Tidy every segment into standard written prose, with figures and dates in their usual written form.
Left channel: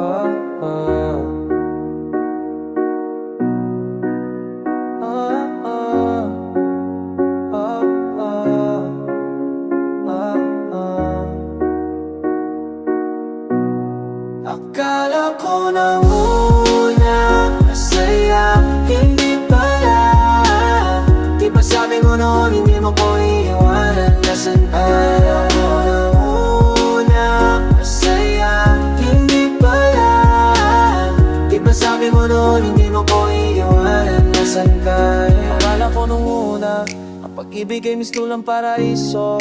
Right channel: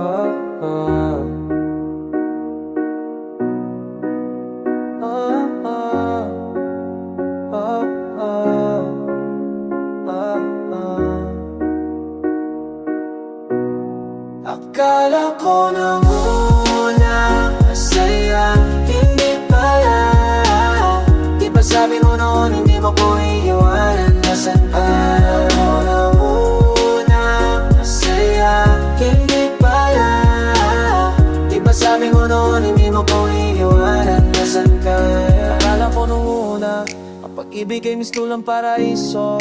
ah, ah, ah, ah, ah, ah, ah, ah. Akala ko nang una masaya, hindi pala. Di ba sabi mo noon hindi mo ko iiwanan? Nasaan ka? Akala ko nang una masaya, hindi pala. Di ba sabi mo noon hindi mo ko iiwanan? Nasaan ka? Akala ko nung una ang pag-ibig ay mistulang paraiso,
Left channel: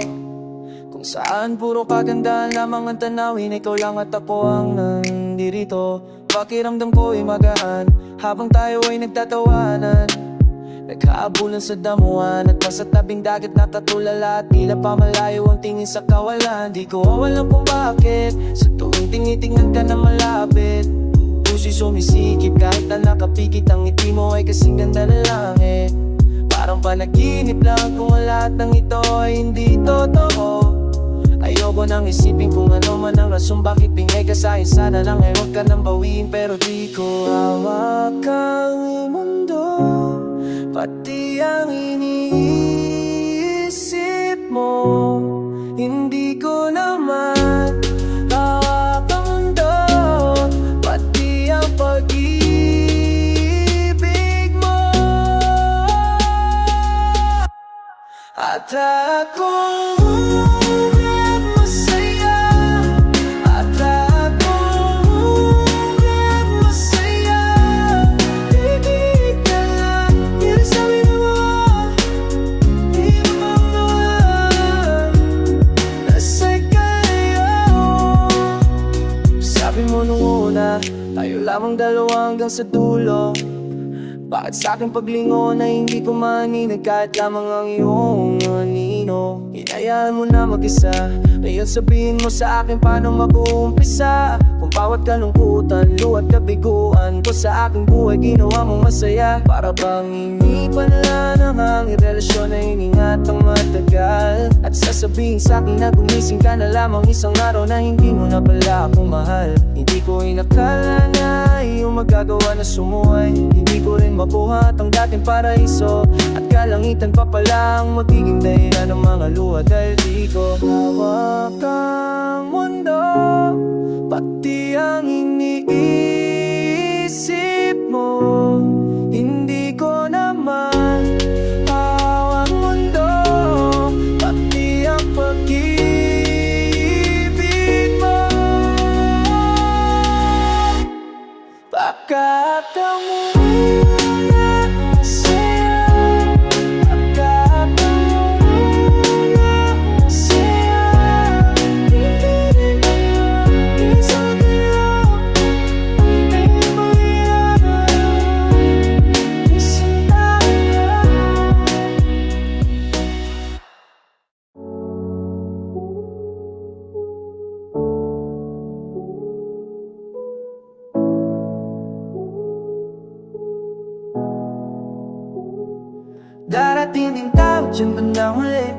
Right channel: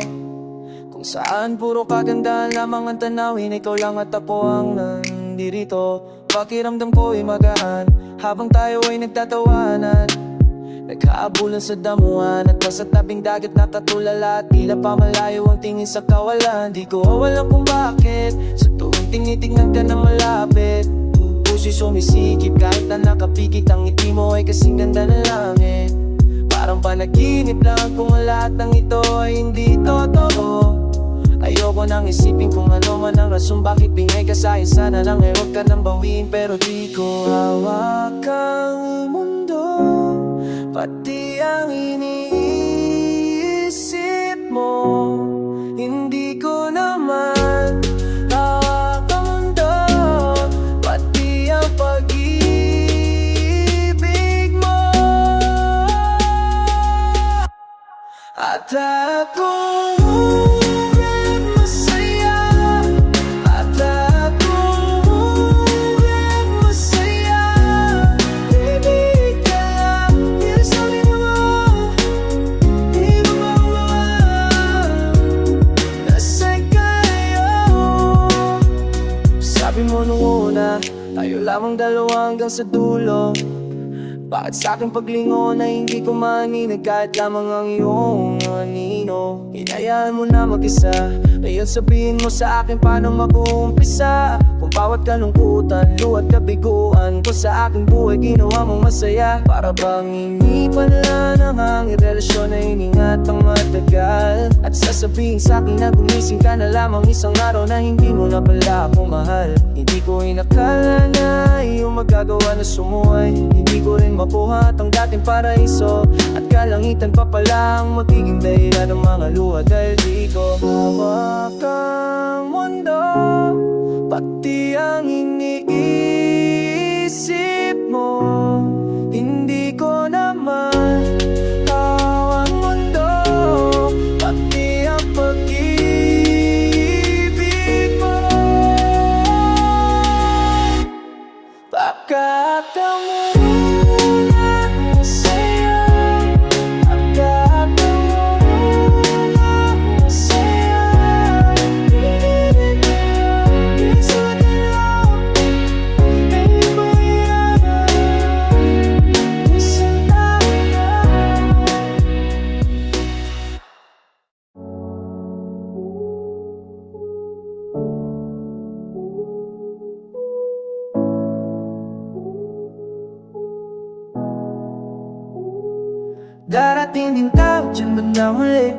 kung saan puro kagandahan lamang ang tanawin. Ikaw lang at ako ang nandirito. Pakiramdam ko ay magaan habang tayo ay nagtatawanan, nagkaabulan sa damuhan at nasa tabing dagat natatulala. At tila pa malayo ang tingin sa kawalan. Di ko awalam kung bakit sa tuwing tinitingnan ka na malapit, puso'y sumisikip kahit na nakapikit. Ang ngiti mo ay kasing ganda ng langit. Parang panaginip lang kung ang lahat ng ito ay hindi totoo. Ayoko nang isipin kung ano man ang rason bakit bingay ka sa'kin. Sana lang ay huwag ka nang bawiin, pero di ko hawak ang mundo, pati ang iniisip mo. Hindi ko naman hawak ang mundo, pati ang pag-ibig mo. At akong masaya, at akong masaya. Ibig ka lang, hindi sa amin naman, di mo ba naman nasa kayo. Sabi mo nung una, tayo lamang dalawa hanggang sa dulo. Bakit sa aking paglingon ay hindi ko maninig kahit lamang ang iyong anino? Hinayaan mo na mag-isa, ngayon sabihin mo sa akin paano mag-uumpisa. Kung bawat kalungkutan, luhat kabiguan ko sa aking buhay ginawa mong masaya. Para bang hindi pala namang relasyon na iningatang matagal, at sasabihin sa akin na gumising ka na lamang isang araw na hindi mo na pala ako mahal. Hindi ko inakala na iyong magagawa na sumuhay. Hindi ko rin makuha ang dating paraiso, at kalangitan pa pala ang magiging dahilan ng mga luha. Dahil di ko hawak ang mundo, pati ang iniisip mo. Hindi ko naman hawak ang mundo, pati ang pag-ibig mo. Bakit ang muna masaya, bakit ang muna masaya. Hindi rin alam, piso nila ay pangyayari, isang tayo lang. Darating din tayo dyan bandang huli,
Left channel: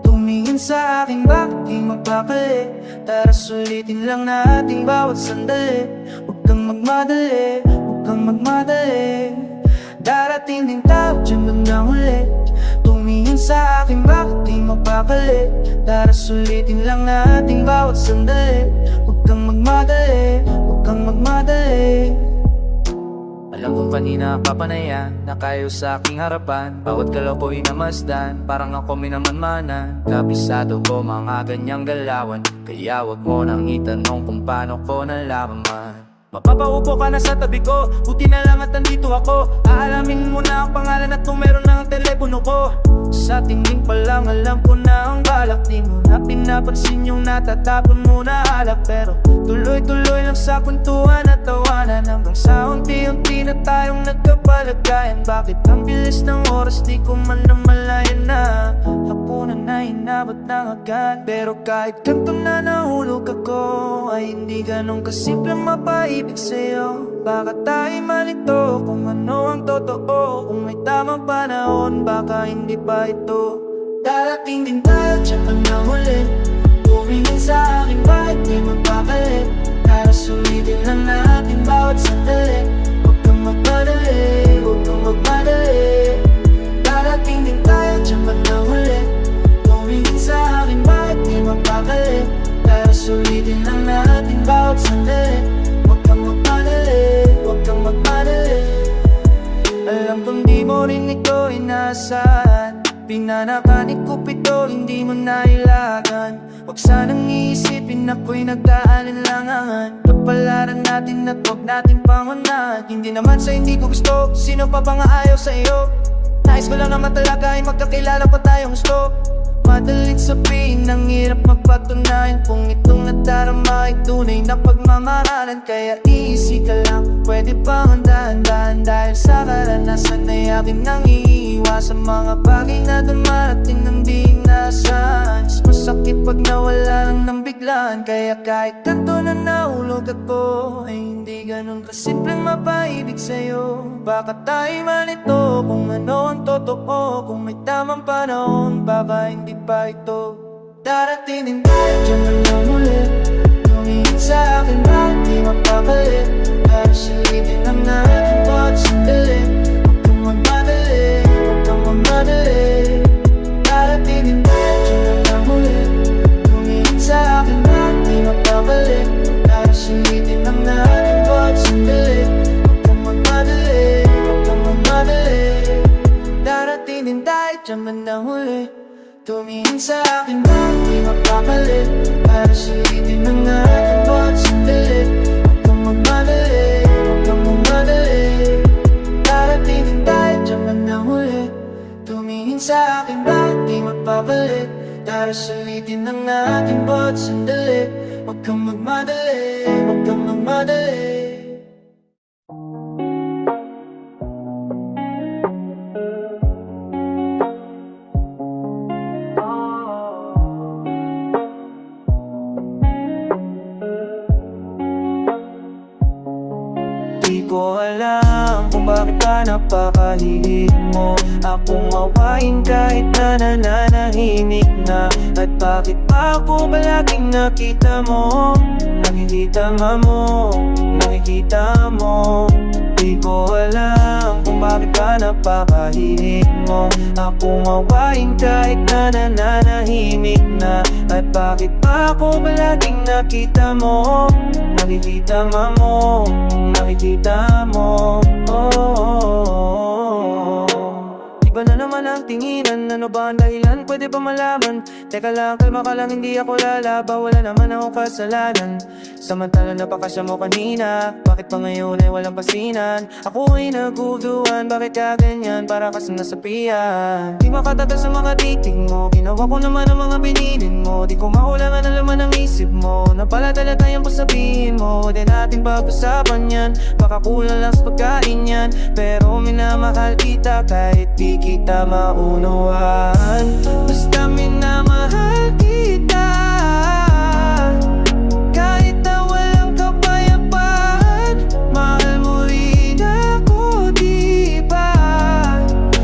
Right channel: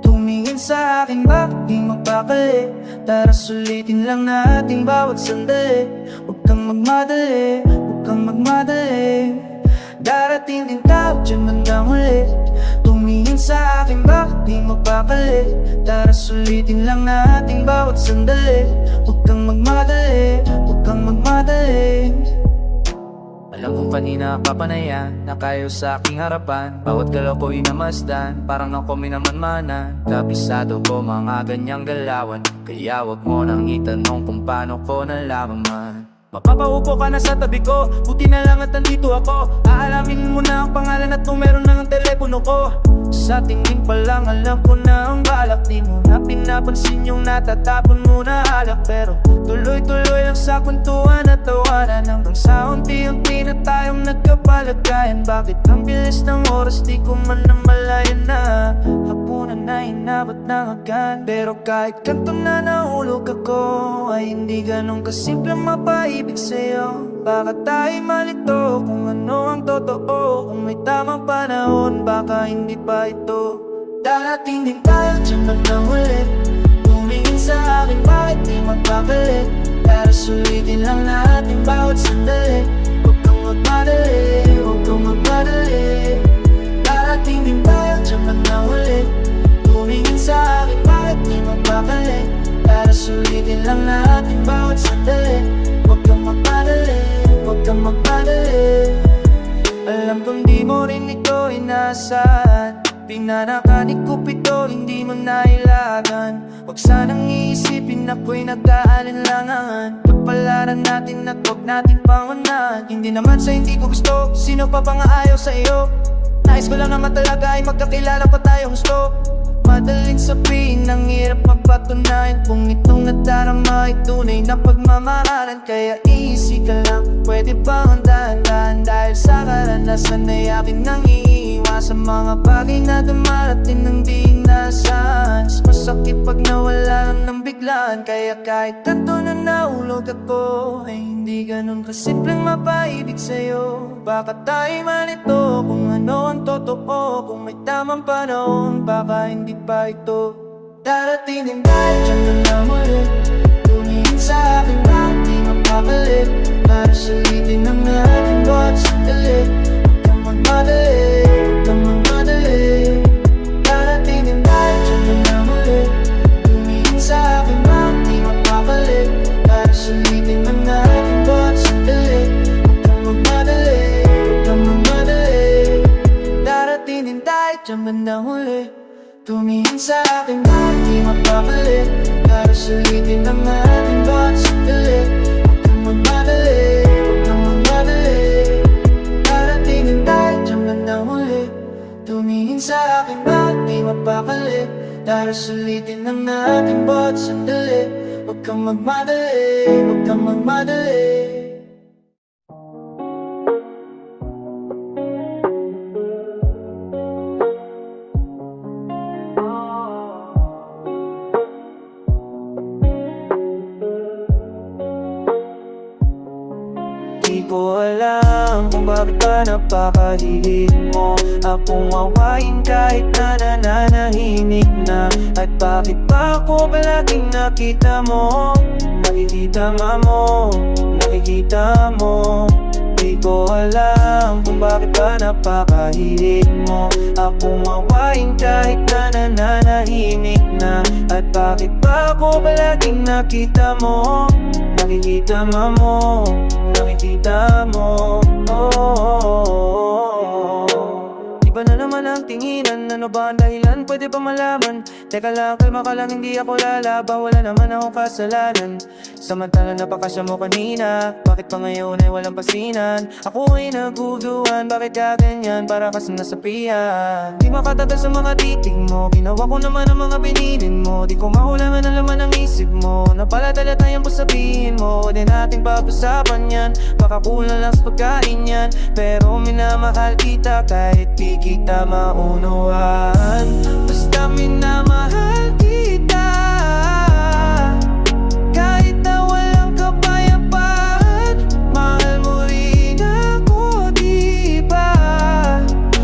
tumingin sa akin bakit di magpakali. Tara sulitin lang natin bawat sandali, huwag kang magmadali, huwag kang magmadali. Darating din tayo dyan bandang huli, tumingin sa akin bakit di magpakali. Tara sulitin lang natin bawat sandali, huwag kang magmadali, huwag kang magmadali. Alam kong kanina papanayan, nakayo sa aking harapan. Bawat galaw ko'y namasdan, parang ako minamanmanan. Kabisado ko mga ganyang galawan, kaya wag mo nang itanong kung paano ko nalaman. Mapapaupo ka na sa tabi ko, buti na lang at nandito ako. Aalamin mo na ang pangalan at numero ng telepono ko. Sa tingin pa lang alam ko na ang balak, di mo na pinapansin yung natatapon mo na alak. Pero tuloy-tuloy lang sa kwentuhan at tawanan, hanggang sa unti-unti na tayong nagkapalagayan. Bakit ang bilis ng oras di ko man namalayan na hapunan na inabot ng agad. Pero kahit kanto na nahulog ako, ay hindi ganun kasimple mapaibig sa'yo. Baka tayo malito kung ano ang totoo, kung may tamang panahon baka hindi pa ito. Darating din tayo dyan man na huli, tumingin sa akin bakit di magpapalit. Para sulitin lang natin bawat sandali. Huwag kang magmadali, huwag kang magmadali. Darating din tayo, diyan ka na huli. Tumingin sa akin, bakit di mapakali? Tara sulitin lang natin bawat sandali. Huwag kang magmadali, huwag kang magmadali. Alam kong di mo rin ito inaasahan. Pinanakan ni Cupido, hindi mo nailagan. Huwag sanang iisipin ako'y nag-aalinlangan. Kapalaran natin at huwag natin pangunahan. Hindi naman sa hindi ko gusto, sino pa nga ayaw sa iyo? Nais ko lang naman talaga ay magkakilala pa tayong gusto. Madaling sabihin, ang hirap magpatunayan. Kung itong nadarama ay tunay na pagmamahalan. Kaya easy ka lang, pwede bang dahan-dahan? Dahil sa karanasan ay akin nang iiwasan mga bagay na dumarating ng di inaasahan. Mas masakit pag nawala lang ng biglaan. Kaya kahit kanto na naulog ako, ay hindi ganun kasimpleng mapaibig sa'yo. Baka tayo malito kung ano ang totoo. Kung may tamang panahon, baka hindi pa ito. Darating din tayo, diyan ka na muli. Tumingin sa akin, bakit di mapapalit? Para sulitin ang natin bawat sandali. Huwag kang magmadali, huwag kang magmadali. Darating din tayo, diyan ka na muli. Tumingin sa akin, bakit di mapapalit? Para sulitin ang natin bawat sandali. Huwag kang magmadali, huwag kang magmadali. Darating din tayo, diyan ka na huli. Tumingin sa akin, bakit di mapapalit? Para sulitin ang ating bawat sandali. Huwag kang magmadali, huwag kang magmadali. Darating din tayo, diyan ka na huli. Tumingin sa akin, bakit di mapapalit? Para sulitin ang ating bawat sandali. Huwag kang magmadali, huwag kang magmadali. Di ko alam kung bakit ba napakahilig mo akong awayin kahit na nananahimik na. At bakit ba ako palaging nakita mo? Nakikita mo, nakikita mo. Di ko alam kung bakit ba napakahilig mo akong awayin kahit na nananahimik na. At bakit ba ako palaging nakita mo? Nakikita mo, nakikita mo. Di ba na naman ang tinginan? Ano ba ang dahilan? Pwede ba malaman? Teka lang, kalma ka lang, hindi ako lalaba. Wala naman akong kasalanan. Samantala napakasya mo kanina, bakit pa ngayon ay walang pasinan? Ako ay naguguluhan, bakit ka ganyan? Para kasing nasapian. Di makatagal sa mga titig mo, ginawa ko naman ang mga binilin mo. Di ko makulangan ang laman ng isip mo. Napalatala tayong sabihin mo, di natin pag-usapan yan. Baka kulang lang sa pagkain yan, pero minamahal kita kahit di kita maunawaan. Basta minamahal kita kahit na walang kapayapaan. Mahal mo rin ako, diba?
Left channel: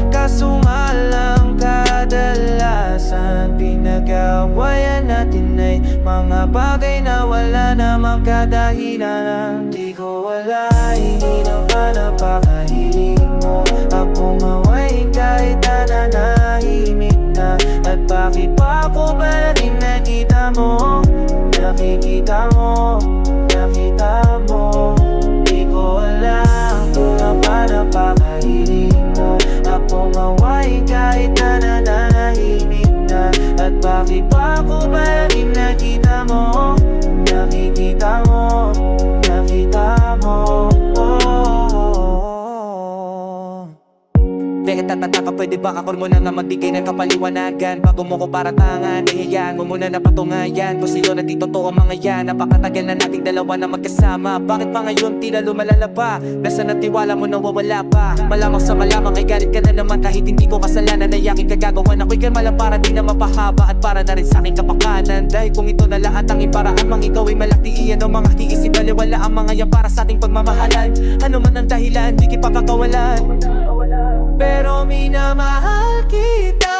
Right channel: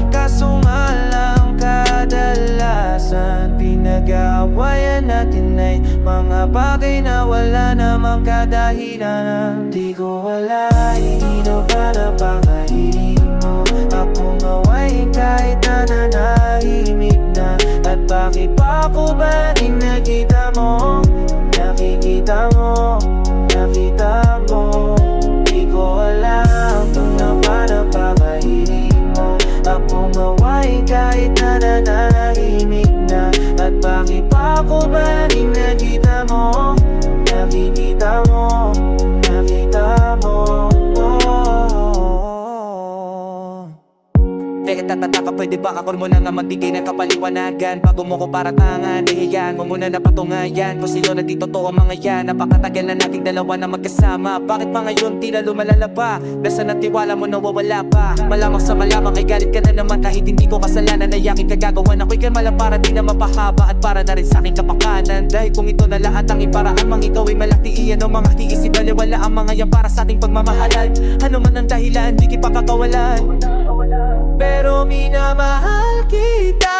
Kaso nga lang kadalasan pinag-aawayan natin ay mga bagay na wala namang kadahilan. Di ko wala, hindi na ba napakahilig mo akong awayin kahit na nanahimik na. At bakit pa ako ba rin nakita mo? Nakikita mo, nakita mo. Di ko alam kung na ba napakahilig mo akong awayin kahit na nanahimik na. At bakit pa ako ba rin nakita mo? Nakikita mo, nakita mo. Bakit tatataka, pwede ba ako muna nga magbigay ng kapaliwanagan? Bago mo ko paratangan, ihayaan mo muna na patungayan kung sa'yo na di totoo mga yan. Napakatagal na nating dalawa na magkasama, bakit pa ngayon tila lumalala pa? Nasaan ang tiwala mo nawawala pa? Malamang sa malamang ay galit ka na naman kahit hindi ko kasalanan. Ay aking kagagawan, ako'y kalmala para di na mapahaba at para na rin sa aking kapakanan. Dahil kung ito na lahat ang iparaan, mang ikaw ay malaki iyan o mga tiis, ibaliwala ang mga yan para sa ating pagmamahalan. Ano man ang dahilan, di kipakakawalan, pero minamahal kita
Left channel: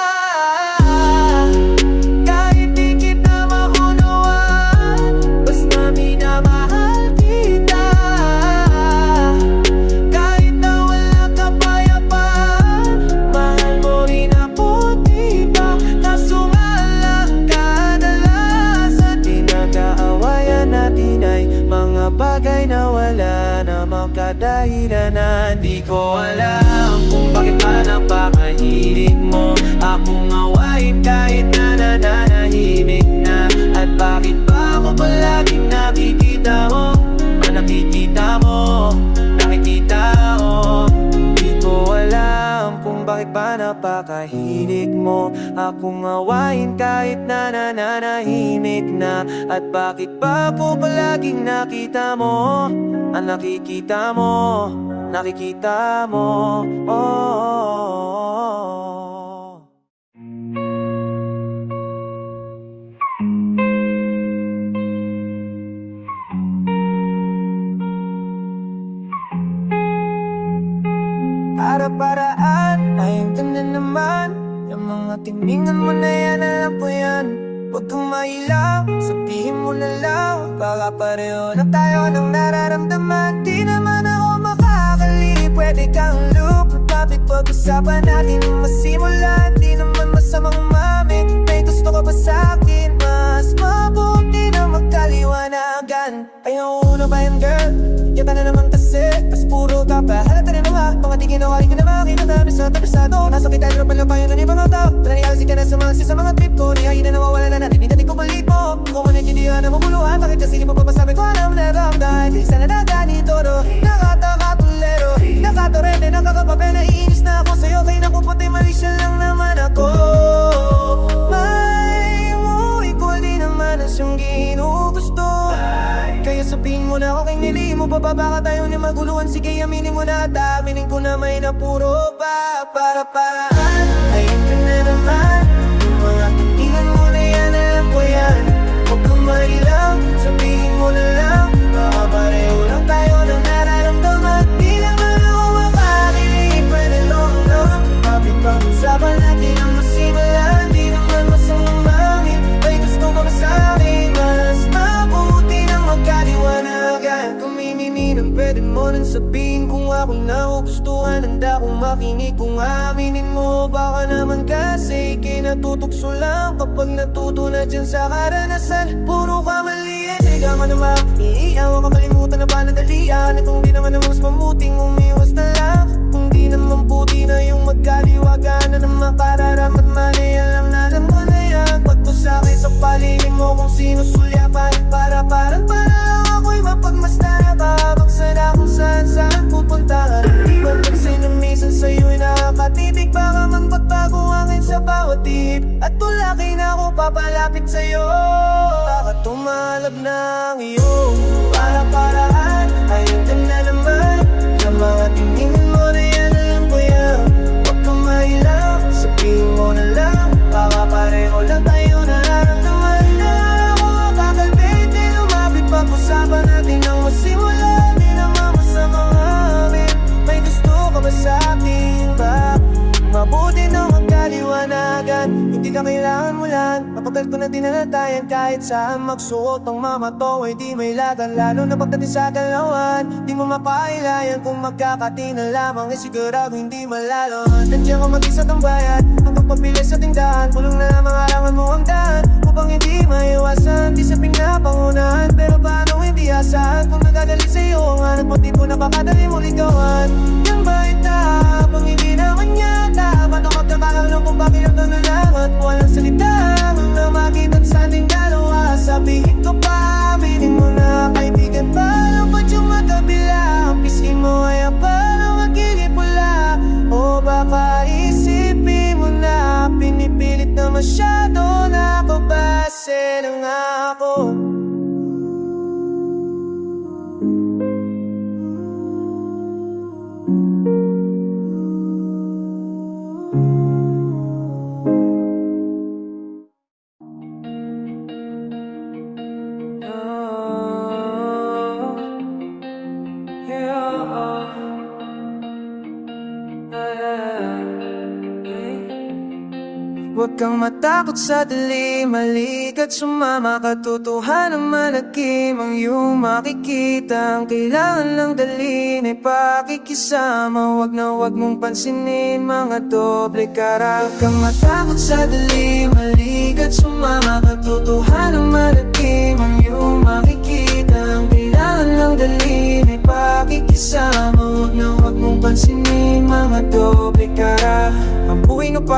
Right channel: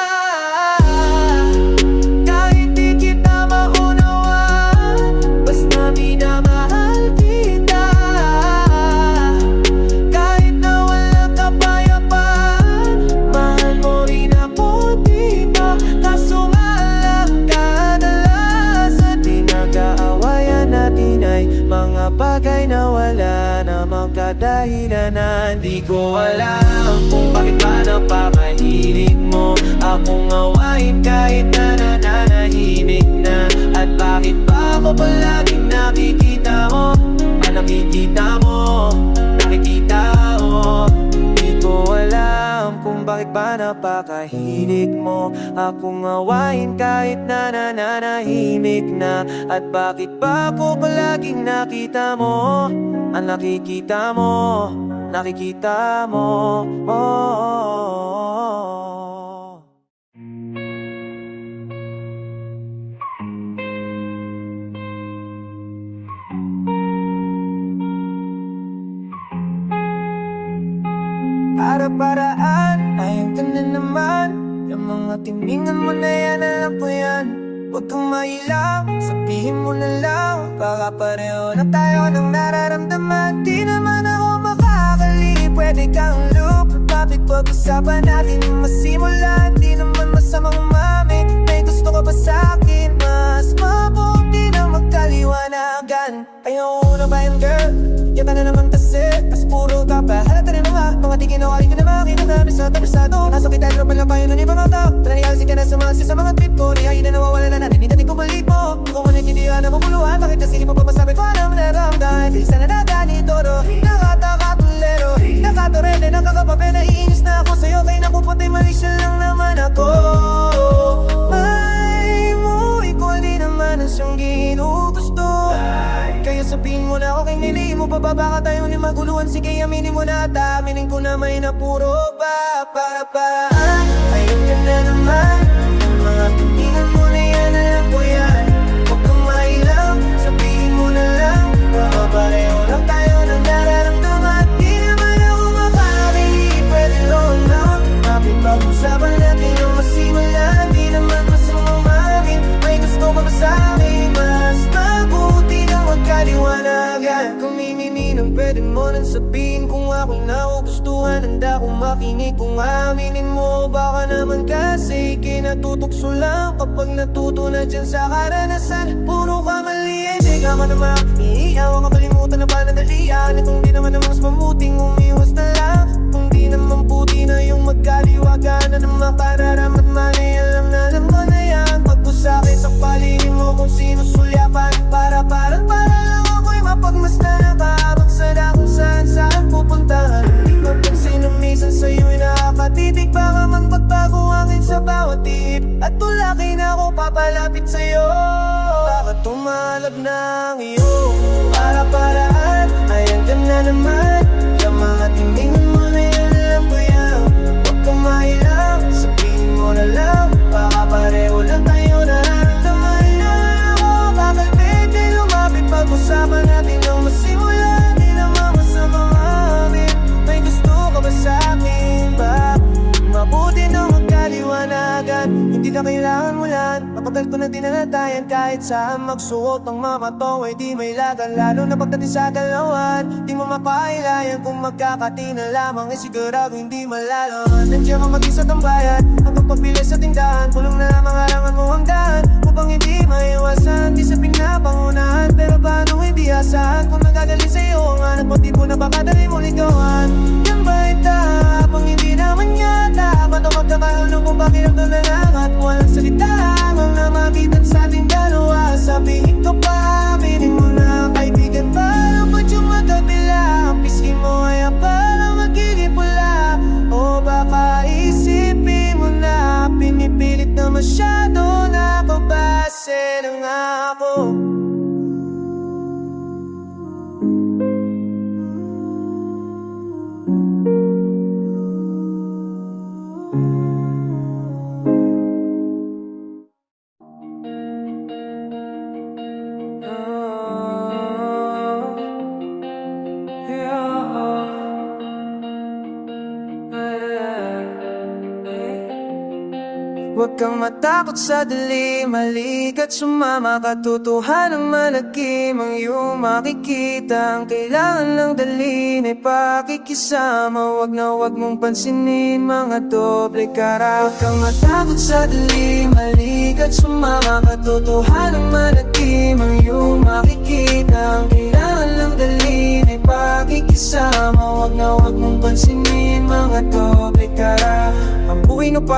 kahit di kita maunawaan. Basta minamahal kita. pinagdadaanan natin ay mga bagay na wala namang kadahilanan. Di ko alam kung bakit ba napakahilig mo akong awayin kahit na nananahimik na. At bakit ba ako palaging nakikita mo? Nakikita mo, nakikita mo. Di ko alam kung bakit ba napakahilig mo akong awayin kahit na nananahimik na. At bakit ba ako palaging nakita mo? Nakikita mo, nakikita mo. Para-paraan, ayun ka na naman. Yung mga tiningan mo na yan, alam ko yan. Huwag kang mailang, sabihin mo na lang. Baka pareho na tayo ng nararamdaman. Di naman ako makakali, pwede kang loop. Topic pag-usapan natin masimulan. Di naman masamang mami, may gusto ka ba sa'kin? Mas mabuti na magkaliwanagan. Ayaw uno pa yan, girl. Yata na naman kasi, as puro ka pa. Halata na mga tingin na wali ko na makita. Tapisado, nasa kita drop lang pa yun ng ibang tao. Pananigasin ka na sa mga trip ko. Niyayi na nawawala na natin, hindi ko balik mo. Kung man yung hindi na mabuluhan, bakit kasi di mo pa masabi ko alam na ramdam. Di sana naganito, nakataka-tulero, nakatorete, nakakapape, naiinis na ako sa'yo. Kaya napuputi, mali siya lang naman ako. May mo, ikaw di naman ang siyang ginugusto. Kaya sabihin mo na ako kay nili mo, bababa ka tayo ni maguluhan. Sige, aminin mo na at aminin ko na may napuro ba. Para-paraan, ayun ka na naman. Yung mga tingin mo na yan, alam ko yan. Huwag kang mailang, sabihin mo na lang. Baka pareho lang tayo ng nararamdaman. Di naman ako makakili, pwede lang lang. Mapipag-usapan natin ang masimulan. Di naman masamang mangin, may gusto ka ba sa'kin? Mas mabuti na magkaliwanagan. Kung mimiminang pwede mo nang sabihin. Kung ako nagugustuhan, handa kong makinig. Kung aminin mo, baka naman kasi kinatutukso lang. Kapag natuto na dyan sa karanasan, puro ka mali, hindi ka man naman iiyaw. Makalimutan na panadalian. At kung di naman mas mamuting umiwas na lang. Kung di naman puti na yung magkaliwagan na naman pararamat man ay alam mo na yan. Pagto sa'kin sa palihim mo kung sino sulyapan. Para lang ako'y mapagmasdan at babagsan na kung saan pupuntahan. Di mapansin na minsan sa'yo'y nakakatitig. Baka mang pagbago hangin sa bawat tip. At tulaki na ako papalapit sa'yo. Baka tumalab ng iyo. Para-paraan, ayan ka na naman. Yung mga tingin mo na yan, alam ko yan. Huwag kang mailang, sabihin mo na lang. Baka pareho lang tayo nararamdaman. Na ako kakalbit, di lumapit. Pag-usapan natin ang masimulan. Di naman masamang amin, may gusto ka ba sa'kin ba? Mabuti na magkaliwanagan. Hindi ka kailangan mulan. Mapagdal ko na dinalatayan. Kahit saan magsuot ang mamato ay di may lagan. Lalo na pagdating sa dalawan, di mo mapailayan. Kung magkakati na lamang ay sigurado hindi malalaman. Nandiyan ka mag-isa tambayan hanggang pagpilis sa tindahan. Pulong na lamang alangan mo ang daan upang hindi maiwasan. Di sa pinapangunahan, pero paano hindi asahan? Kung nagagali sa'yo ang hanap mo, di mo napakadali mo ligawan. Yan ba itapang hindi naman yata? Ba't ako magkakahal ng pupakiramdam na lang at walang salita ang namagitan sa ating dalawa? Sabihin ko pa, aminin mo na kaibigan. Paano ba't yung matabila? Ang pisngi mo ay parang magiging pula. O baka isipin mo na pinipilit na masyado na kabase ng ako. Huwag kang matakot sa dilim, halika't sumama. Katotohanan malagim ang iyong makikita. Ang kailangan lang dalhin ay pakikisama. Huwag mong pansinin mga doble kara. Huwag kang matakot sa dilim, halika't sumama. Katotohanan malagim ang iyong makikita.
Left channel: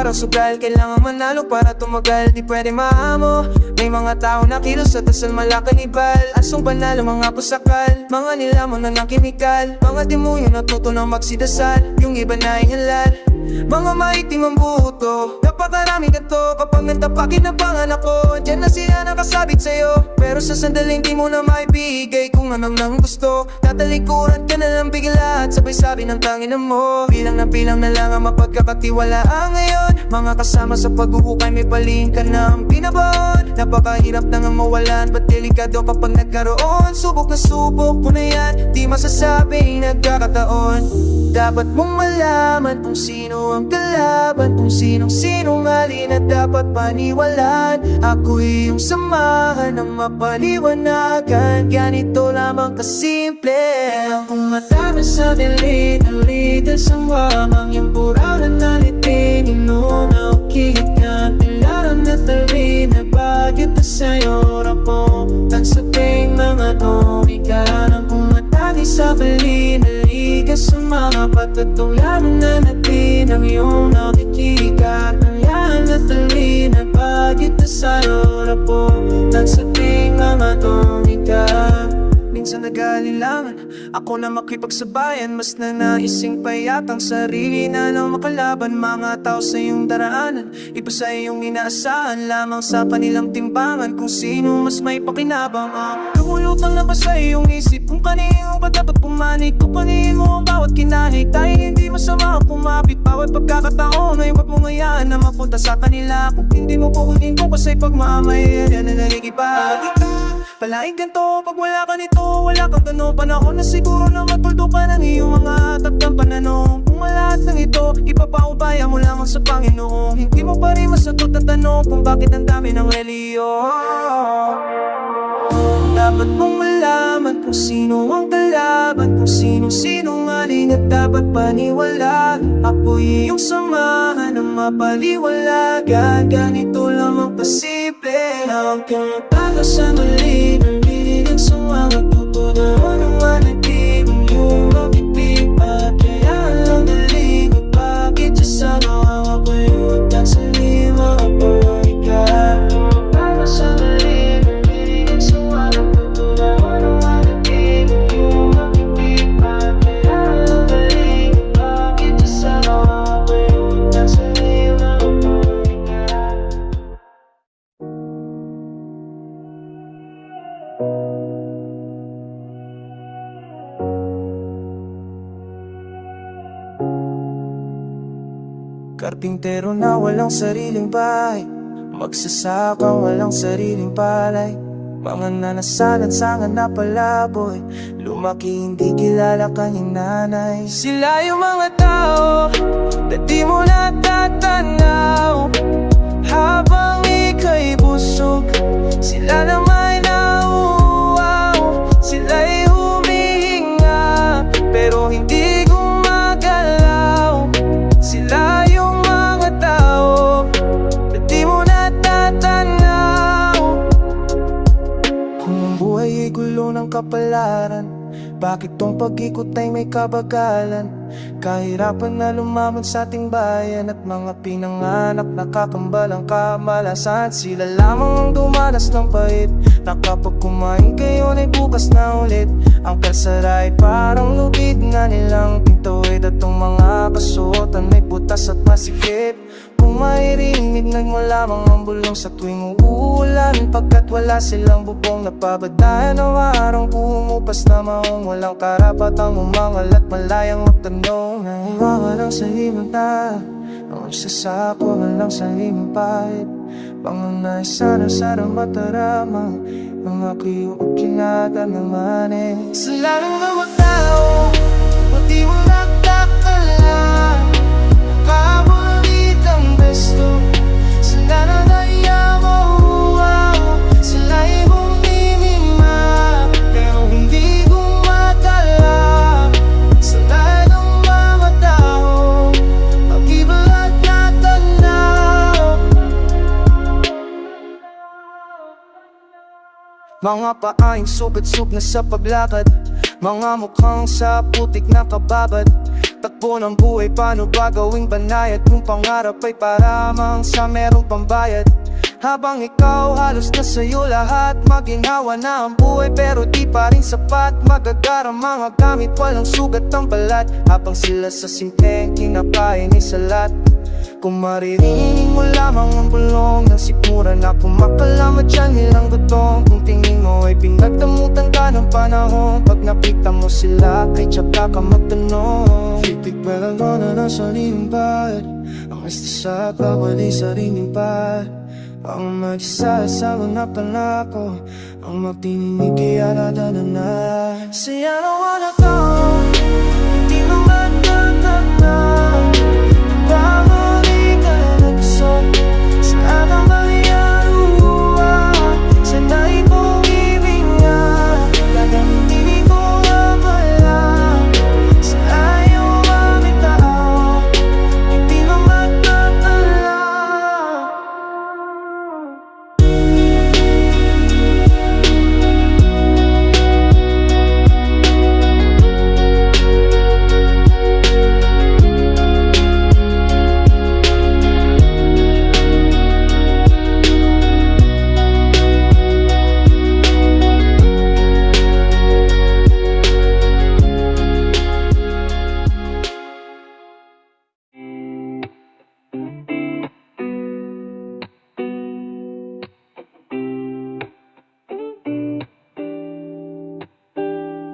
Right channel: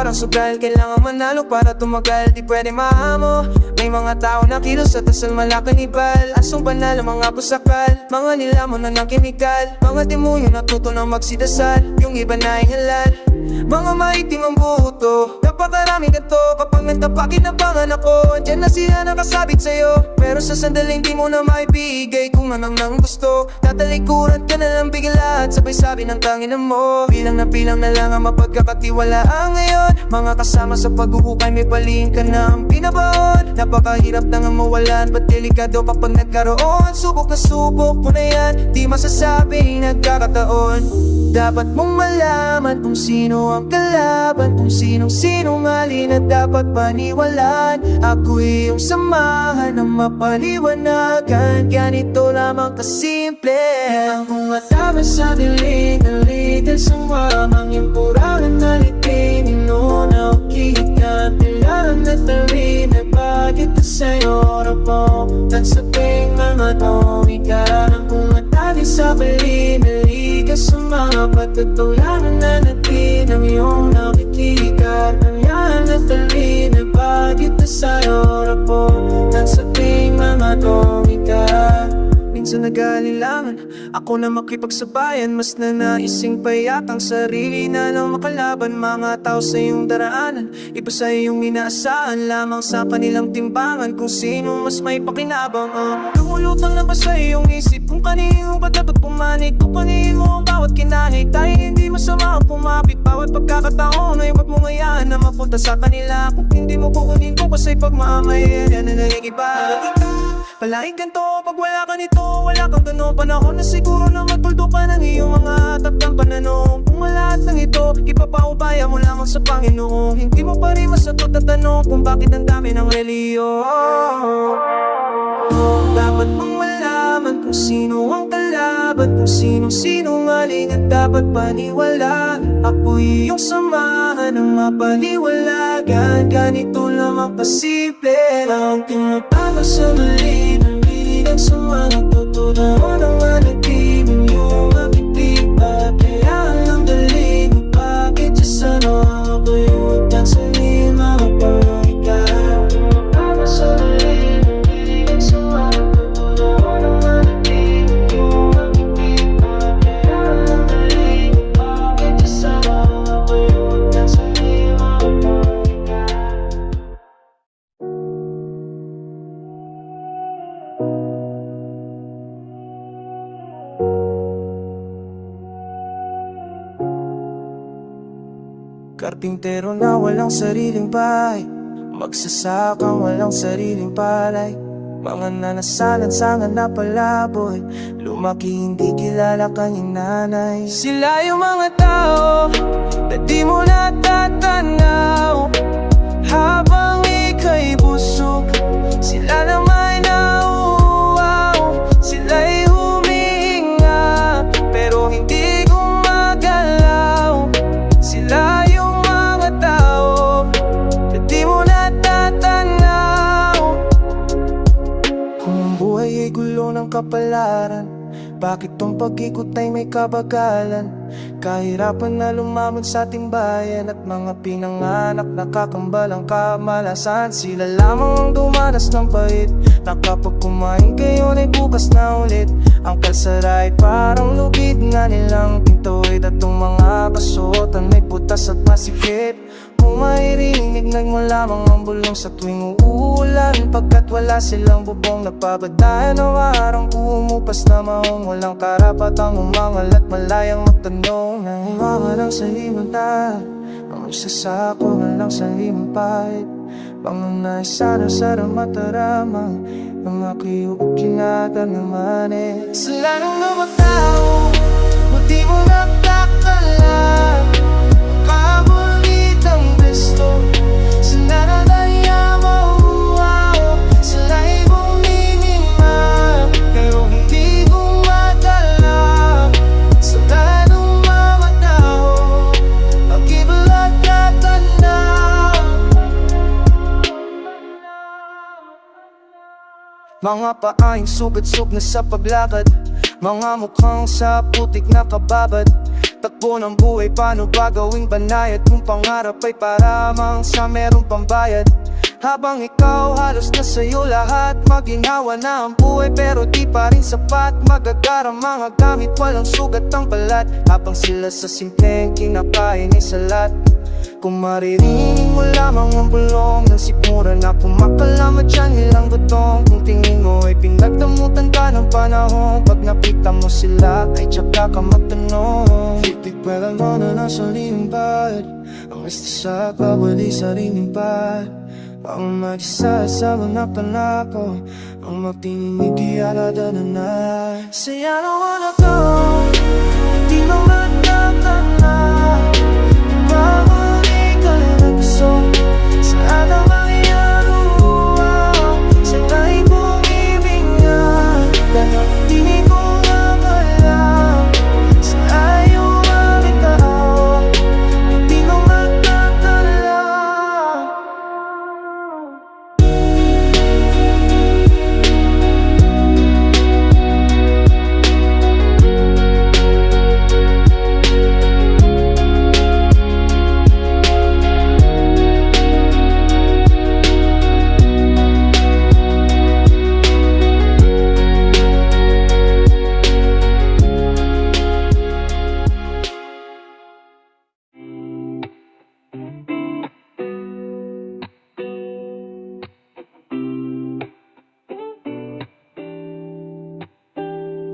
parang sugal. Kailangan manalo para tumagal, di pwede mahamo. May mga tao na kilos sa tasal malakanibal. Asong banal ang mga pusakal, mga nilamon na ng kimikal. Mga demonyo natuto ng magsidasal, yung iba na halal. Mga maitim ang buto, napakaraming ganto. Kapag nagtapakit ng panganak ko, andyan na sila nakasabit sa'yo. Pero sa sandaling di mo na maibigay kung anong nang gusto. Tatalikuran ka na lang bigla at sabay sabi ng tanginan mo. Bilang na lang ang mapagkakatiwalaan ngayon. Mga kasama sa paghuhukay may palihim ka na ang binabaon. Napakahirap na nga mawalan, ba't delikado kapag nagkaroon. Subok na subok mo na yan, di masasabing nagkakataon. Dapat mong malaman kung sino ang kalaban, kung sinong sinungaling at dapat paniwalaan. Ako iyong samahan ng mapaliwanagan. Ganito lamang kasimple ang umatama sa dilit-dilit sa wamang yung purangan na litingin mo na ukit na kailangan na tuloy na bagit na sa'yo rapong at sa ting mga tomika ang umatake sa bali-dali sa mga patatulanan na natin ang iyong nakikikat ng yan at dali na bagit na sa'yo rapo ng sa ting mga tomika. Minsan nag-aalilangan ako na makipagsabayan, mas nanaising payak ang sarili na lang makalaban. Mga tao sa iyong daraanan, iba sa iyong inaasahan, lamang sa kanilang timbangan kung sino mas may pakinabang. Nangulutang na ba sa iyong isip kung kanino ba dapat pumanig? Kupanin mo ang bawat kinahig, tayo hindi masama ang pumapit. Bawat pagkakataon ay huwag mong hayaan na mapunta sa kanila. Kung hindi mo kukunin ko kasi pagmamay, yan na nagigiba. Palaging ganito, pag wala ka nito, wala kang gano'n. Panahon na siguro na matuldo ka ng iyong mga atap ng pananong. Kung lahat ng ito, ipapaubaya mo lamang sa Panginoon. Hindi mo pa rin masagot ang tanong kung bakit ang dami ng reliyon. Dapat mong malaman kung sino ang kalaban, kung sinong sinungaling at dapat paniwalaan. Ako iyong samahan ng mapaliwalagan. Ganito lamang kasimple ang kinataka sa mali. Narinig sa mga tutudahon ng malagim ang iyong makitipa. Kaya lang dali mo bakit siya sa mga kuyutan sa lima at pangayka. Kinataka sa mali. Narinig sa mga tutudahon ng malagim ang iyong makitipa. Kaya lang dali mo bakit siya sa mga kuyutan sa lima at pangayka. Karpintero na walang sariling bahay, magsasakang walang sariling palay. Mga nanasalan sa na palaboy, lumaki hindi kilala kanyang nanay. Sila yung mga tao na di mo natatanaw habang ika'y busog. Sila na may nauuaw, sila'y humihinga pero hindi gumagalaw. Sila yung mga tao na di mo natatanaw. Kung ang buhay ay gulo ng kapalaran, bakit tong pag-ikot ay may kabagalan? Kahirapan na lumamon sa ating bayan at mga pinanganak nakakambal ang kamalasan. Sila lamang ang dumanas ng pait na kapag kumain kayo ay bukas na ulit. Ang kalsara ay parang lubid nga nilang pintuid at tong mga kasuotan may butas at masikip. Kung mairinig mo lamang ang bulong sa tuwing uulan, pagkat wala silang bubong na pabadayan ng arang pumupas na maong walang karapatang umangal at malayang magtanong. Nahiwawalang sa limanta, ang magsasako lang sa limapait. Pangunay sara-sara mataramang mga kiyuot kinata naman Sila ng mga tao, buti mo nakakala, makabulit ang besto. Sila na nayamahuaw, sila'y bumimima pero hindi gumagala. Sila ng mga tao, pag-ibalat na tanaw. Mga paahing supit-sup na sa paglakad, mga mukhang sa putik na kababad. Takbo ng buhay, paano ba gawing banayad kung pangarap ay paramang sa merong pambayad? Habang ikaw halos na sa'yo lahat, maginhawa na ang buhay pero di pa rin sapat. Magagarang mga gamit, walang sugat ang balat, habang sila sa simpleng kinakain ay salat. Kung maririnig mo lamang ang bulong ng sikmura na kumakalamat dyan nilang gutong, kung tingin mo ay pinagdamutan ka ng panahon, pag nakita mo sila kay tsaka ka magtanong. Pipigwela mo na nasa limbad, ang estasa at babali sa rinimbat. Ang mag-isa sa mga panako, ang magtininig ialada na. Say I don't wanna go, hindi mo matatana. Pagpamuli ka na nagso sa atang mangyarua. Sana'y pumibig nga, kanyang hindi ko akala. Sa ayaw mabitaw, hindi mo matatala.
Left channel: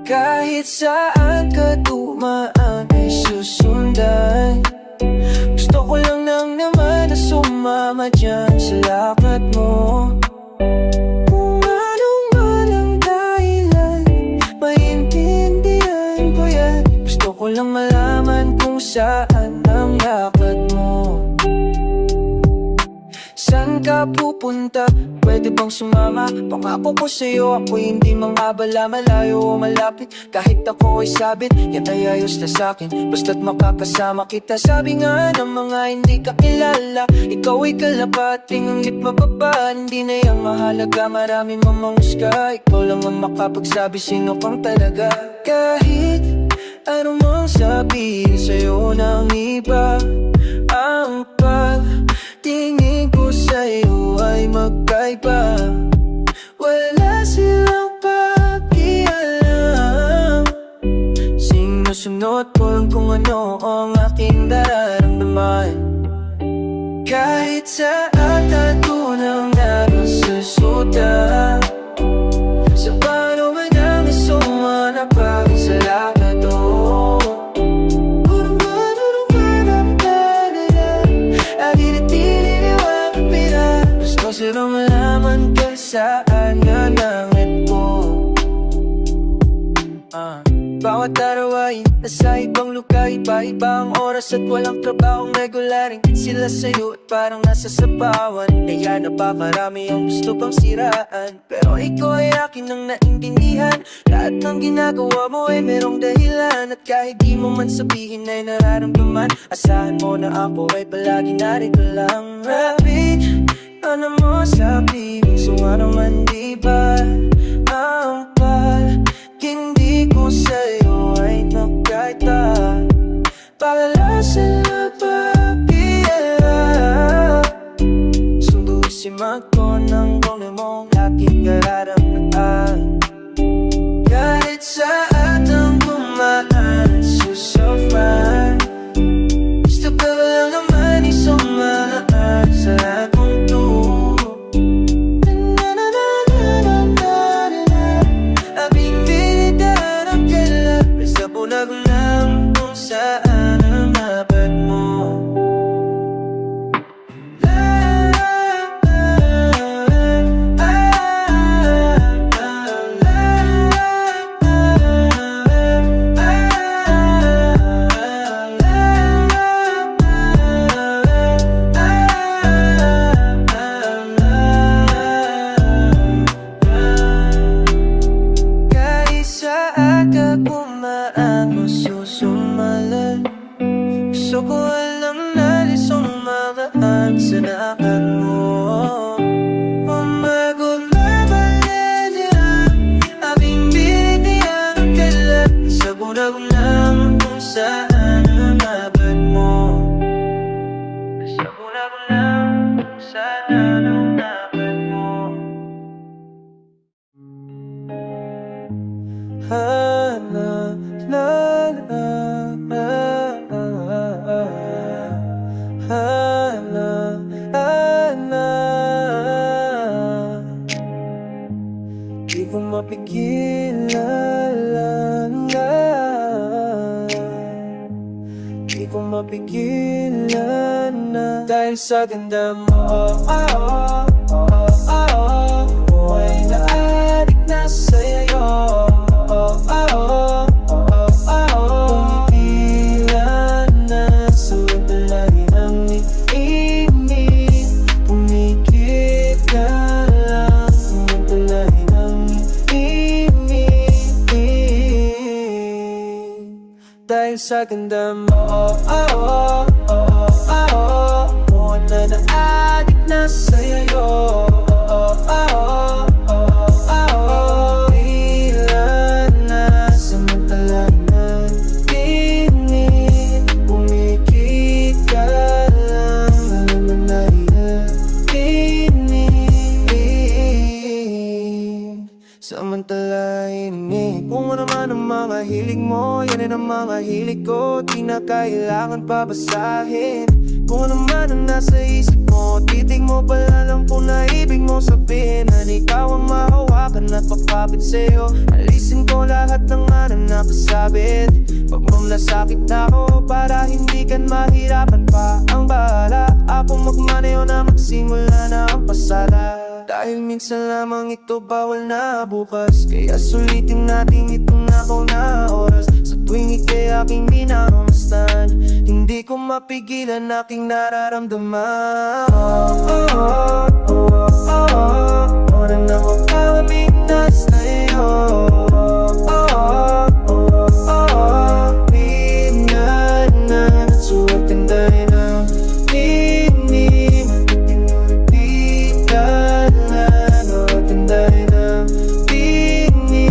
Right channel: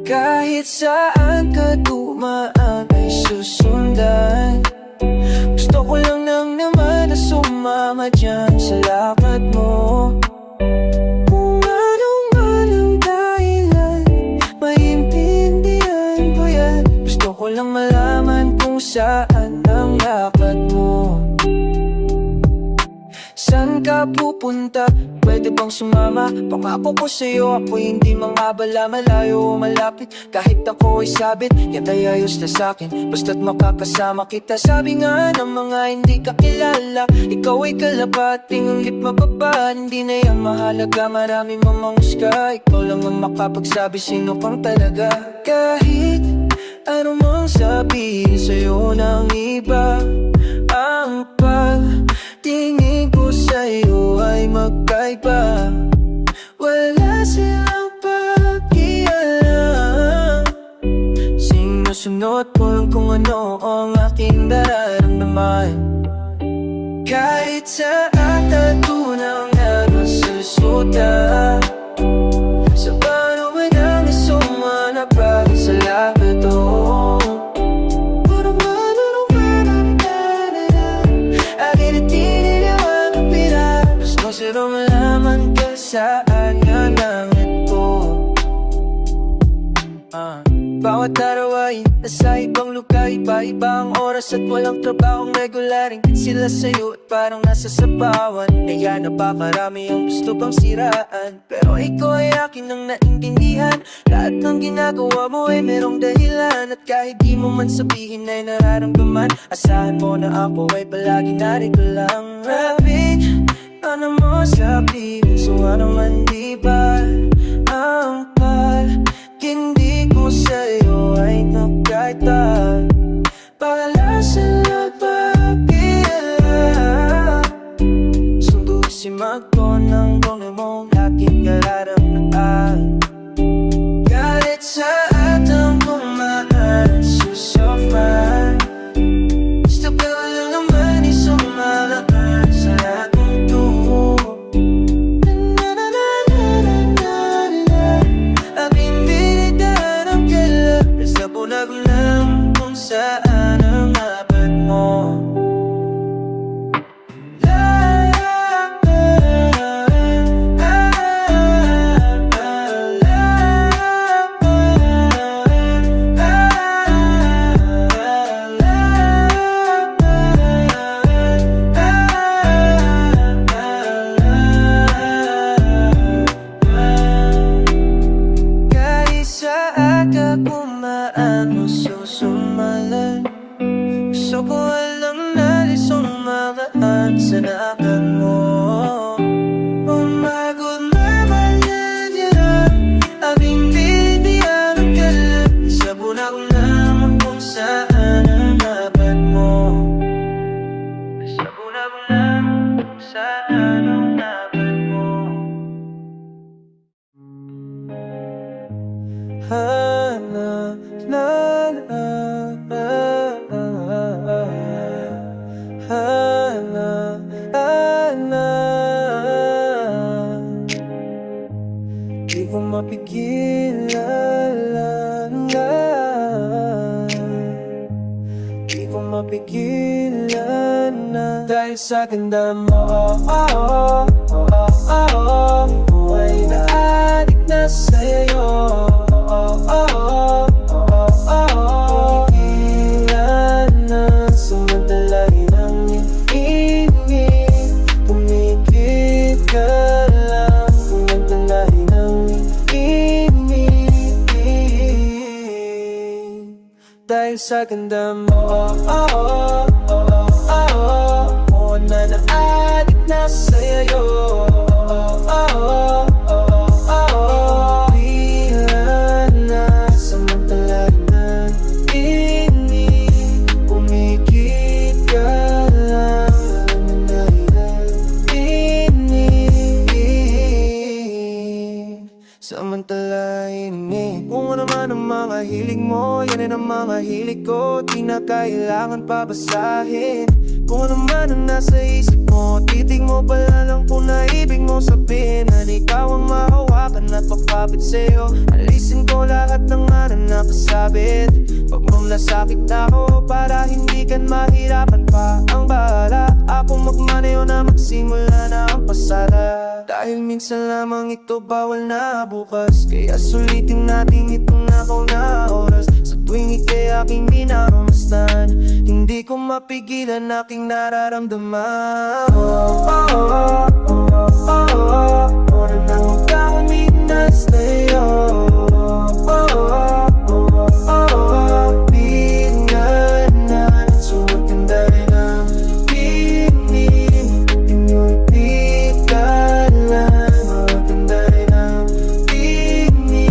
Kahit saan ka dumaan ay susundan. Gusto ko lang nang naman na sumama dyan sa lakad mo. Kung anong man ang dahilan, maintindihan ko yan. Gusto ko lang malaman kung saan ang lakad mo. Saan ka pupunta? Pwede bang sumama? Pangako ko sa'yo, ako'y hindi mangabala. Malayo o malapit, kahit ako ay sabit, yan ay ayos na sa'kin, basta't makakasama kita. Sabi nga ng mga hindi kakilala, ikaw ay kalapating ang lit mababa. Hindi na yan mahalaga, marami mamangusga, ikaw lang ang makapagsabi sino kang talaga. Kahit ano mang sabihin sa'yo ng iba, ang pagtingin ko sa'yo ay magkaiba. Wala silang pakialam, sinusunod ko lang kung ano ang aking nararamdaman. Kahit sa tattoo ng nasusuta, sa paano man ang isuma na bagay sa lakad to. Gusto rin malaman ka saan nanangat ko. Bawat araw ay nasa ibang lugar, iba-iba ang oras at walang trabahong regular. Ingit sila sa'yo at parang nasa sapawan, kaya napakarami ang gusto pang siraan. Pero ikaw ay akin ang naintindihan, lahat ng ginagawa mo ay merong dahilan. At kahit di mo man sabihin ay nararamdaman, asahan mo na ako ay palagi narito lang. Rapid, ano mo sabihin, so ano man diba ang pag-hindi ko sa'yo ay nagkaita. Pagala sila pakialam, sundusin ko ng gawin mong aking kararamdaan. Galit sa atang kumaan, susufan. Gusto ka ba lang naman isumalaan sa akong to? Abimbilitan ang kala, sa bunagulang kung saan ang dapat mo. Kumaan mo susumalan, gusto ko alam na lisong magaan sa nakan mo. Pumagod na balan yan, abing binitiyan ang kalat, sa bunagong naman kung saan sana naunapan mo. La la la la la la la. Di ko mapigilan na, di ko mapigilan na. Dahil sa ganda mo, buhay na adik na sa'yo. Ilan na samantalahin ang iinit, pumikit ka lang, samantalahin ang iinit. Dahil sa ganda mo, buhay na adik na sa'yo. Samantalahin kung ano man ang mga hilig mo, yan ang mga hilig ko. Di na kailangan pabasahin kung ano man ang nasa isip mo. Titig mo pala lang kung naibig mo sabihin na ikaw ang mahawakan at papapit sa'yo. Alisin ko lahat ng ano nakasabit. Pag nasakit na ako para hindi ka mahirapan pa. Ang bahala ako magmaneho na magsimula na ang pasada. Dahil minsan lamang ito bawal na bukas, kaya sulitin natin itong nakaw na oras. Sa tuwing ika'y aking minamasdan, hindi ko mapigilan aking nararamdaman. Oras na magkakaminas na iyo. Pinganan at suwagtan dahil ang tinim, tinulit ka lang, suwagtan dahil ang tinim.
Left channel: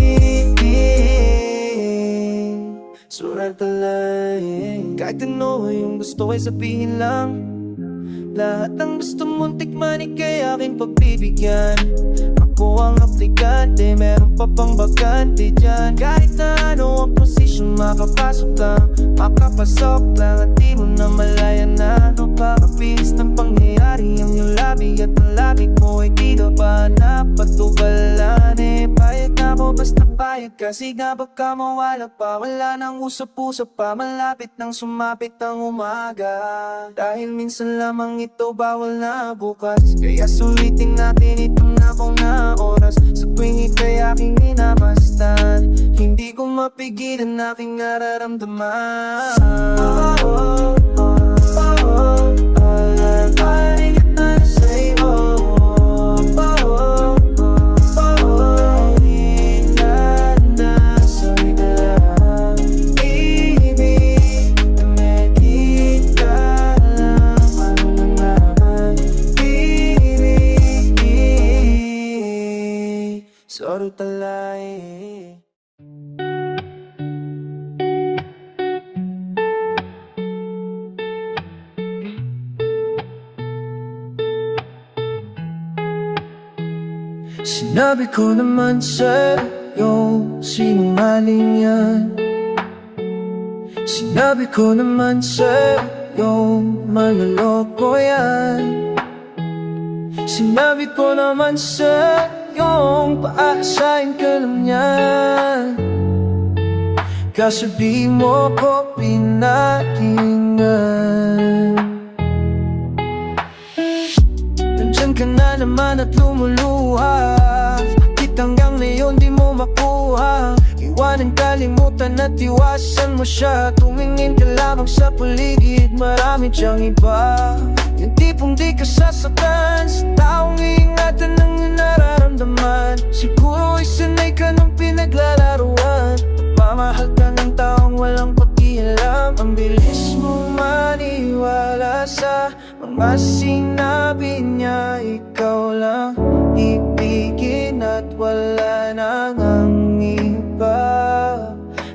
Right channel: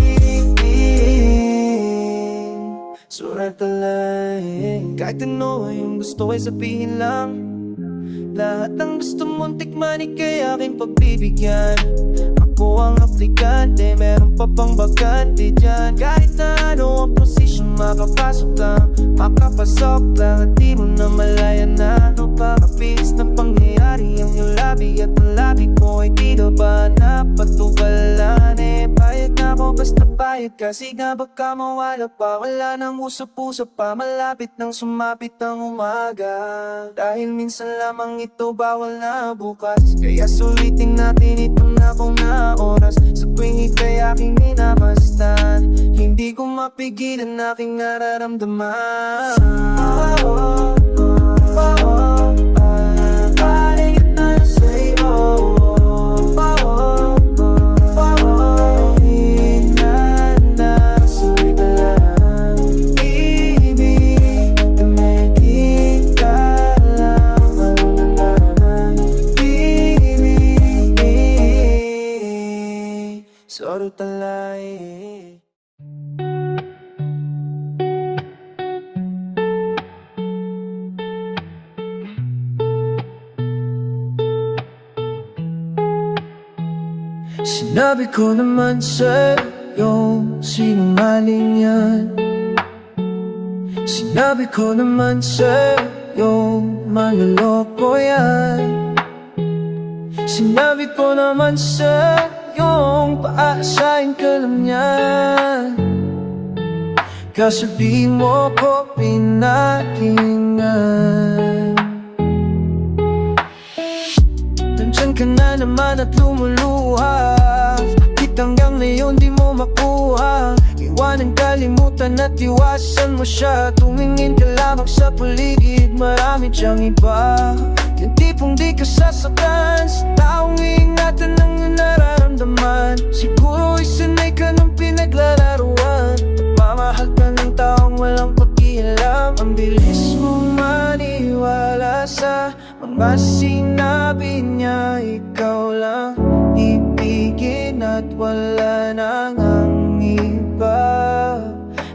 Surat talahin kahit ano yung gusto ay sabihin lang. Lahat ng gusto mong tikman ika'y aking pagbibigyan. Ako ang aplikante, meron pa pang bakante dyan. Kahit na ano ang posisyon, makapasok lang, makapasok lang. At di mo na malaya na napakabilis ng pangyayari. Ang iyong labi at ang labi ko ay tila ba napatubalan. Payag na ako basta payag, kasi nga baka mawala pa. Wala nang usap-usap pa, malapit nang sumapit ang umaga. Dahil minsan lamang ito bawal na bukas, kaya sulitin natin itong nakaw na oras. Sa tuwing ika'y aking minamasdan, hindi ko mapigilan aking nararamdaman. Soro talay. Sinabi ko naman sa'yo, sinungaling yan. Sinabi ko naman sa'yo, maloloko yan. Sinabi ko naman sa'yo, yung paasahin ka lang niyan. Kaso di mo ko pinakinggan. Nandyan ka na naman at lumuluha, bakit hanggang ngayon di mo makuha? Iwanan, kalimutan at iwasan mo siya. Tumingin ka lamang sa paligid, marami diyang iba. Yung tipong di ka sasaktan sa taong iingatan ng iyong nararamdaman. Siguro isanay ka ng pinaglalaruan, nagmamahal ka ng taong walang pakialam. Ang bilis mong maniwala sa mga sinabi niya. Ikaw lang ibigin at wala nang ang iba.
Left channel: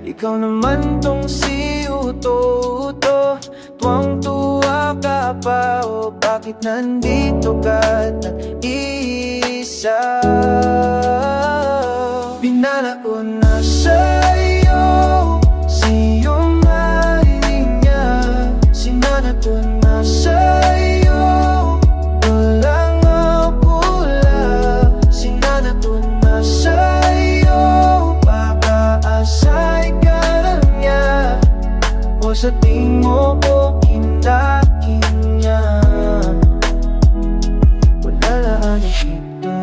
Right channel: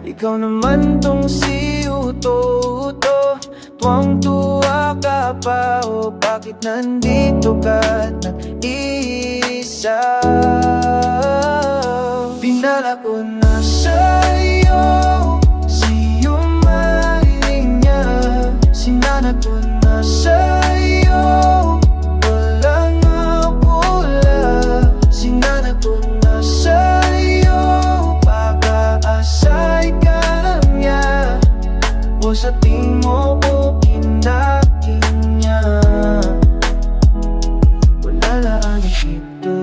Ikaw naman tong si uto-uto. Tuwang-tuwa ka pa, o bakit nandito ka at nag-iisa? Pinala ko na sa'yo, sa'yo marinig niya. Sinana ko na sa'yo, walang pula. Sinana ko na sa'yo, pag-aasay ka lang niya. O sa tingin mo ko kindakin niya, wala laan kita.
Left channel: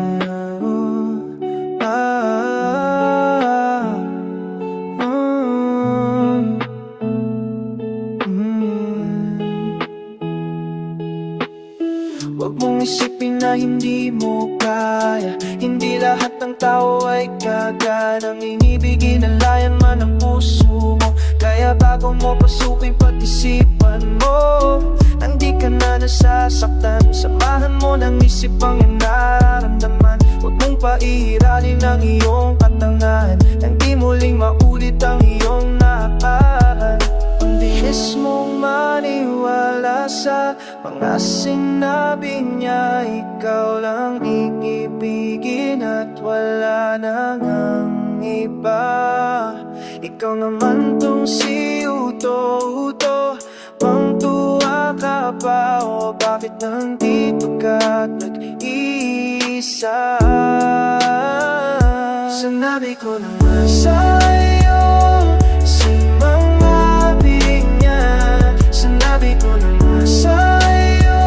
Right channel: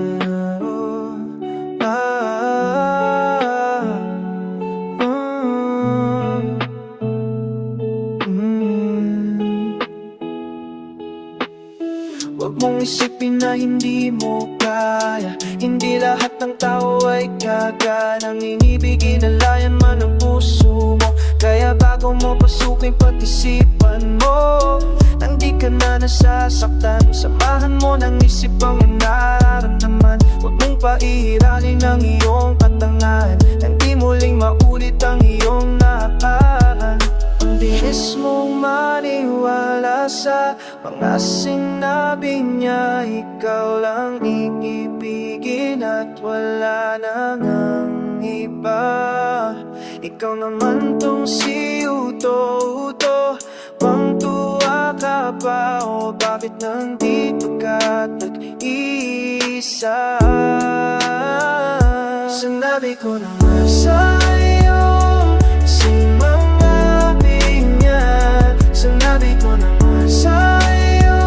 Huwag mong isipin na hindi mo kaya. Hindi lahat ng tao ay kaganang inibigin. Nalayan man ang puso mo, kaya bago mo pasukin pag-isipan mo. Nang di ka na nasasaktan, samahan mo ng isip ang iyong nararamdaman. Huwag mong paihiralin ang iyong katangahan, nang di muling maulit ang iyong nakaraan. Ang bilis mong maniwala sa mga sinabi niya. Ikaw lang iibigin at wala nang ang iba. Ikaw naman tong si Uto-Uto. Pang tuwa ka pa, o bakit nandito ka at nag-iisa? Sinabi ko na nga sa'yo, si mga binyan. Sinabi ko na nga sa'yo,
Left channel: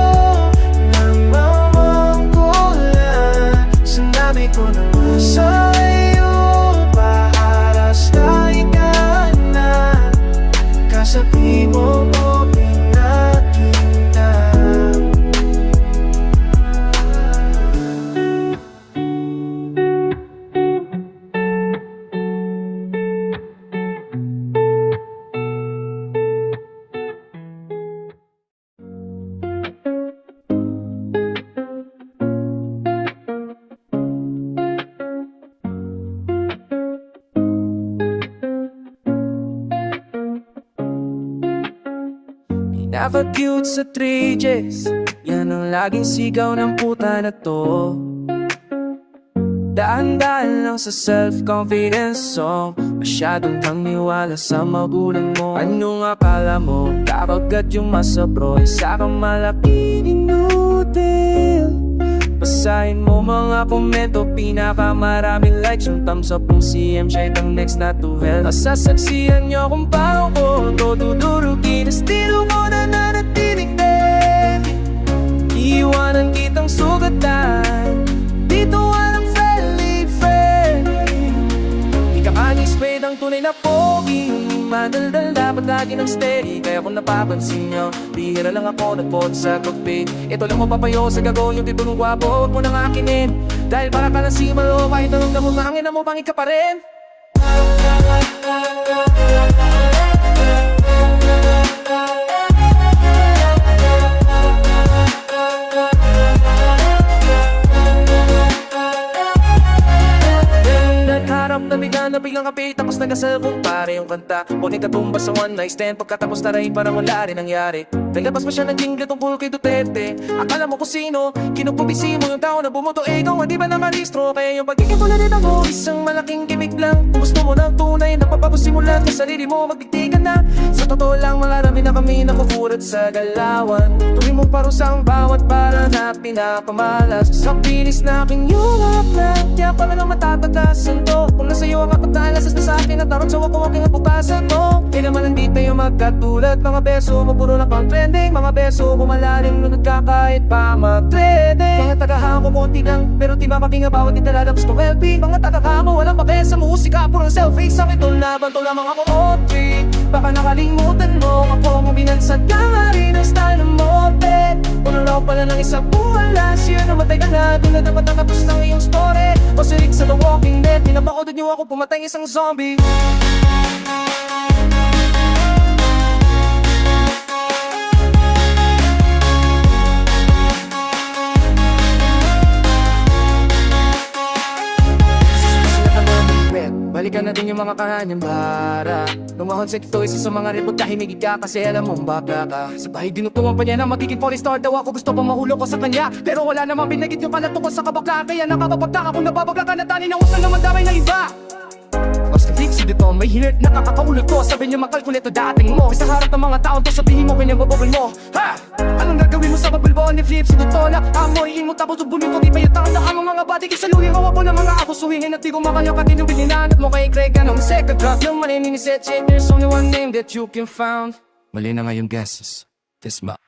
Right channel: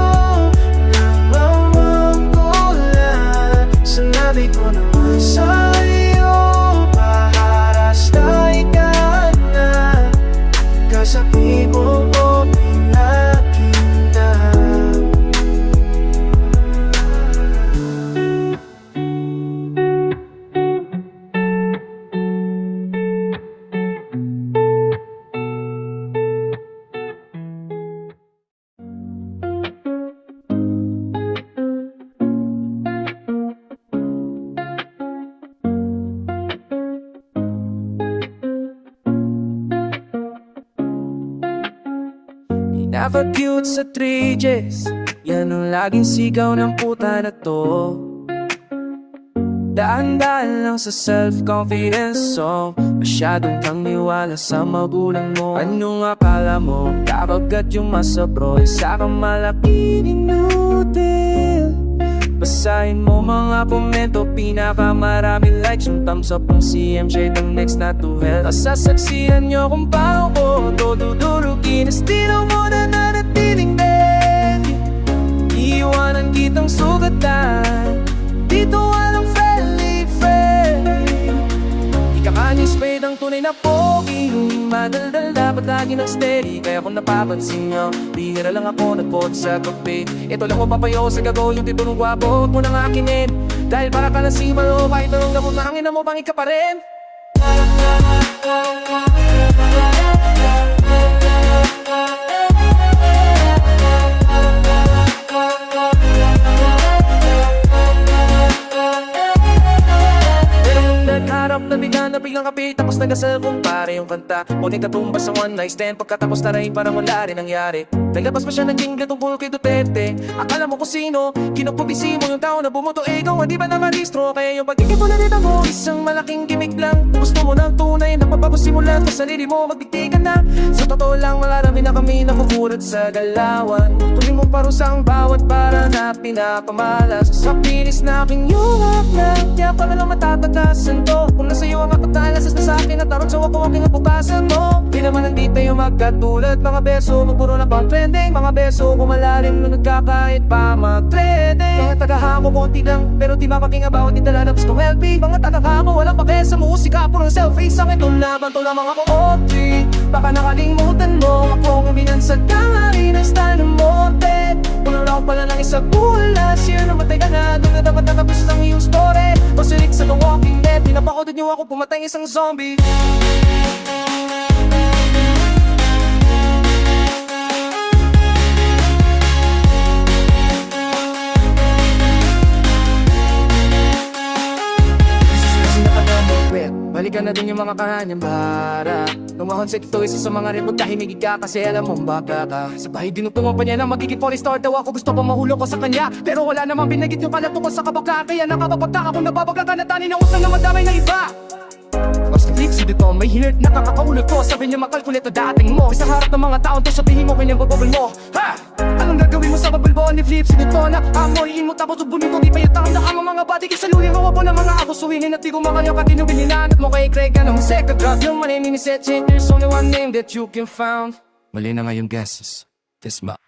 namamangkulan. Sinabi ko na nga sa'yo, maharastay ka na. Kasabi mo ko pinakita. Never cute sa 3Gs, yan ang laging sigaw ng puta na to. Daan-daan lang sa self-confidence song, masyadong tangniwala sa magulang mo. Anong akala mo? Kakagat yung masabro, isa kang malaki inutil. Basahin mo mga komento, pinakamaraming likes. Yung thumbs up ng CMJ, ang next na to hell. Nasasaksihan nyo kung paano ko to dudurukin. Estilo mo na nanatiling din, iiwanan kitang sugatan. Dito walang friendly friend. Kanye Spade ang tunay na pogi. Madaldal dapat lagi ng steady, kaya kung napapansin nyo, bihira lang ako nagpot sa cockpit. Ito lang mo papayo sa gagawin yung titulong gwapo. Huwag mo nang akinin, dahil para ka na si Malo. Kahit anong gamon na hangin na mo, pangit ka pa rin. Harap na biglang kapit, tapos nagasal kumpare yung kanta. Huwag katumba sa one night stand, pagkatapos taray parang wala rin nangyari. Naglabas pa siya ng jingle tungkol kay Duterte. Akala mo kung sino, kinupubisi mo yung tao na bumoto. Ikaw di ba nakaristro? Kaya yung pagkikipulalit mo, isang malaking gimmick lang. Kung gusto mo ng tunay na papapasimulan sa sarili mo, magdikti ka na. Sa totoo lang, marami na kami nakukurat sa galawan. Tuwing mong parusa ang bawat para na pinapamalas. Sa pinis na aking yuwak na, kaya pala lang matatagasan to. Kung nasa iyo ang apat na alasas na sa akin, at tarot sa wako aking nabukasan mo. Di naman hindi tayo magkatulad, mga beso, mapuro na pang trending. Mga beso, kumalalim nung nagkakahit pa mag-trending. Mga tagahako konti lang, pero di mapakinga bawat italalabas kong LP. Mga tagahako, walang pape sa musika, puro selfie. Sa akin itong laban, to lamang ako O3. Baka nakalimutan mo, ako ang binansad ka nga rin ang style ng mote. Puno lang pala ng isang buwalas, yun namatay ka na, doon na dapat natapos ang iyong story. Pasirik sa The Walking Dead, pinapakodod niyo ako, pumatay isang zombie. Nakalaman Well, balikan natin yung mga kanyang bara. Lumahon sa ito, isa sa mga report tahimig ka kasi alam mong baka ka. Sa bahay dinutulungan pa niya na magiging polystar daw ako. Gusto pang mahulog ko sa kanya, pero wala namang binagit yung kalato ko sa kabaka. Kaya nakapapagtaka kung nababagla ka na tani na utang na madamay ng iba. Basta flipsy dito, may hirit nakakakaulot ko. Sabi niya makalkulito dating mo. Sa harap ng mga taon to sabihin mo pinabababal mo. Ha? Anong gagawin mo sa babulbo ni flipsy dito na amoyin mo tapos ubunin ko di pa yung tanda ka mga body kisaluhin ko wabo ng mga ako suwingin at di ko makanyo katinubin ninanat mo kay Craig anong second drop yung manini ni Seth There's only one name that you can found. Mali na nga yung guesses. This ma